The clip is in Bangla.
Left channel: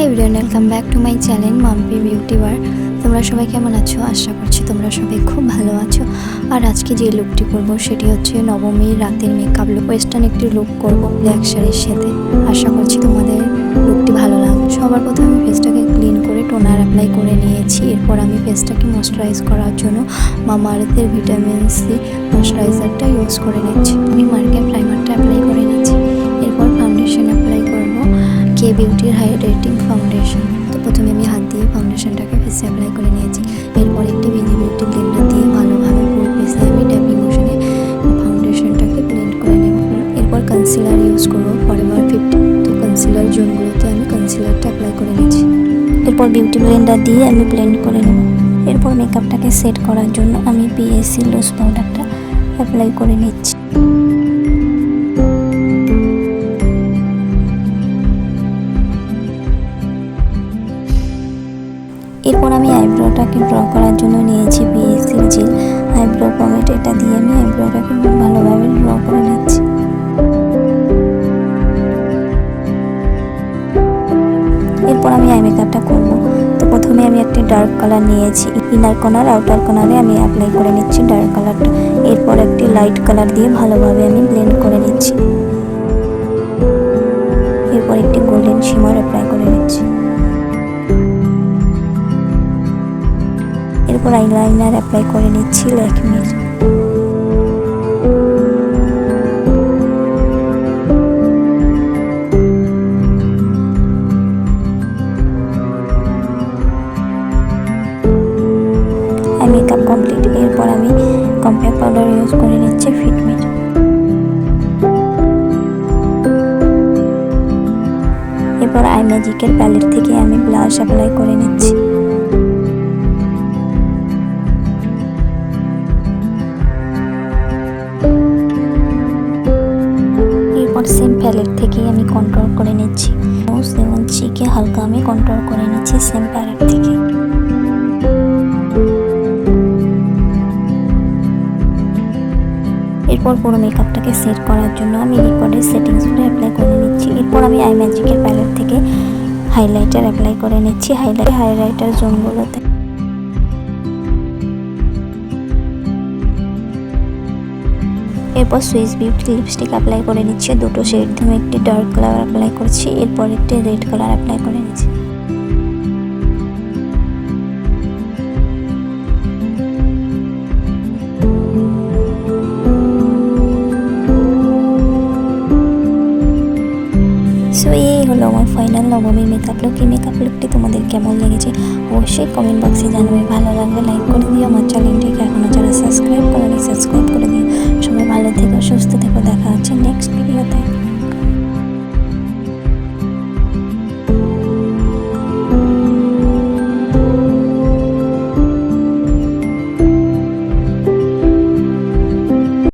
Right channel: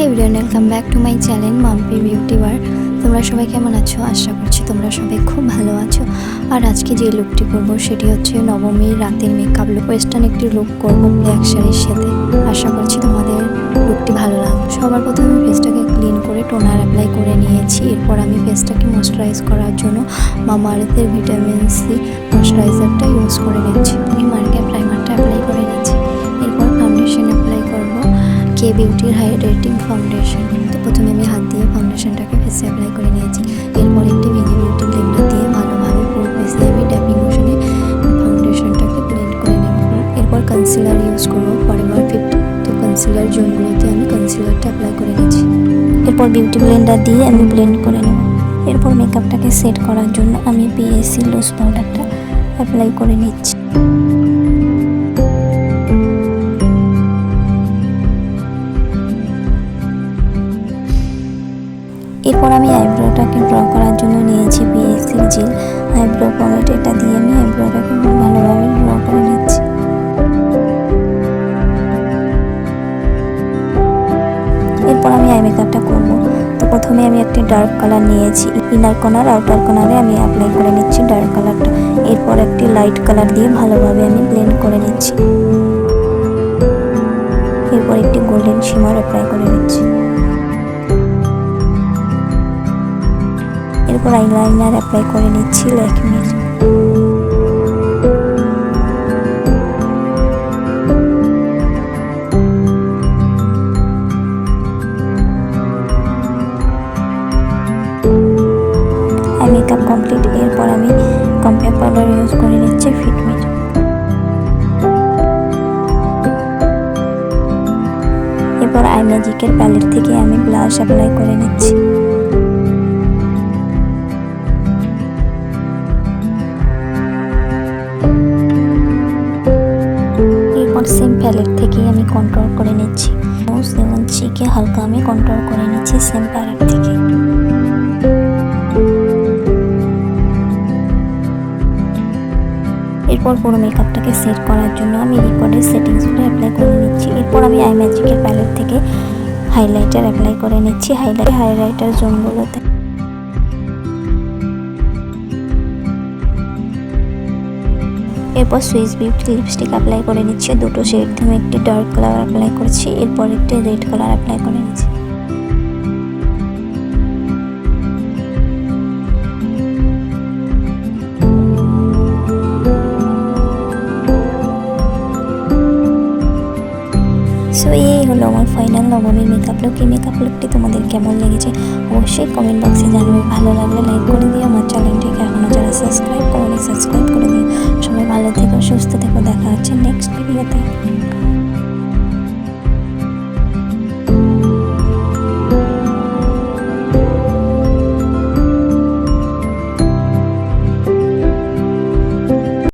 Hey everyone, welcome back to my channel mampibeautybar। তোমরা সবাই কেমন আছো? আশা করছি তোমরা সবাই খুব ভালো আছো। আর আজকে যে লুকটি করব সেটি হচ্ছে নবমীর রাতের মেকআপ লুক। ওয়েস্টার্ন একটি লুক করব ব্ল্যাক শাড়ির সাথে। আশা করছি তোমাদের লুকটি ভালো লাগবে। সবার প্রথমে আমি ফেসটাকে ক্লিন করে টোনার অ্যাপ্লাই করে নিয়েছি। এরপর আমি ফেসটাকে ময়শ্চারাইজ করার জন্য মামা আর্থের ভিটামিন সি ময়শ্চারাইজারটা ইউজ করে নিচ্ছি। আমি মার্কেট প্রাইমারটা অ্যাপ্লাই করে নিচ্ছি। এরপর ফাউন্ডেশন অ্যাপ্লাই করব কে বিউটির হাইড্রেটিং ফাউন্ডেশন। তো প্রথমে আমি হাত দিয়ে ফাউন্ডেশনটাকে ফেসে অ্যাপ্লাই করে নিয়েছি। এরপর একটি ভিজি বিউটি ব্লেন্ডার দিয়ে ভালোভাবে ফুল ফেসে আমি ট্যাপিং মোশনে ফাউন্ডেশনটাকে ব্লেন্ড করে নেব। এরপর কনসিলার ইউজ করবো ফরএভার 50। তো কনসিলার জোনগুলোতে আমি কনসিলারটা অ্যাপ্লাই করে নিয়েছি। এরপর বিউটি ব্লেন্ডার দিয়ে আমি ব্লেন্ড করে নেব। এরপর মেকআপটাকে সেট করার জন্য আমি পিএসসি লুজ পাউডারটা অ্যাপ্লাই করে নিচ্ছি। এরপর আমি আইব্রোটাকে ড্র করার জন্য নিয়েছি পিএসসির জেল আইব্রো পমেড। এটা দিয়ে আমি আইব্রোটাকে ভালোভাবে ড্র করে নিচ্ছি। এরপর আমি আই মেকআপটা করব। তো প্রথমে আমি একটি ডার্ক কালার নিয়েছি। ইনার কর্নার আউটার কর্নারে আমি অ্যাপ্লাই করে নিচ্ছি ডার্ক কালারটা। এরপর একটি লাইট কালার দিয়ে ভালোভাবে আমি ব্লেন্ড করে নিচ্ছি। এরপর একটি গোল্ডেন শিমার অ্যাপ্লাই করে নিচ্ছি। এরপর আইলাইনার অ্যাপ্লাই করে নিচ্ছি ল্যাকমির। Eye makeup complete. এরপর আমি কম্প্যাক্ট পাউডার ইউজ করে নিচ্ছি ফিটমির। এরপর আই ম্যাজিকের প্যালেট থেকে আমি ব্লাশ অ্যাপ্লাই করে নিচ্ছি। এরপর সেম প্যালেট থেকে আমি কন্ট্রোল করে নিচ্ছি। নোজ এবং চিকে হালকা আমি কন্ট্রোল করে নিচ্ছি সেম প্যালেট থেকে। এরপর পুরো মেকআপটাকে সেট করার জন্য আমি রিকর্ডের সেটিংসগুলো অ্যাপ্লাই করে নিচ্ছি। এরপর আমি আই ম্যাজিকের প্যালেট থেকে হাইলাইটার অ্যাপ্লাই করে নিচ্ছি হাইলাইটার জোনগুলোতে। এরপর সুইস বিউটি লিপস্টিক অ্যাপ্লাই করে নিচ্ছি দুটো শেড দিয়ে। একটি ডার্ক কালার অ্যাপ্লাই করছি, এরপর একটি রেড কালার অ্যাপ্লাই করে নিচ্ছি। সো এই হলো আমার ফাইনাল নবমীর মেকআপ লুক। এই মেকআপ লুকটি তোমাদের কেমন লেগেছে অবশ্যই কমেন্ট বক্সে জানাবে। ভালো লাগলে লাইক করে দিও। আমার চ্যানেলটিকে এখনও যারা সাবস্ক্রাইব করেনি সাবস্ক্রাইব করে দিও। সবাই ভালো থেকো, সুস্থ থেকো। দেখা হচ্ছে নেক্সট ভিডিওতে।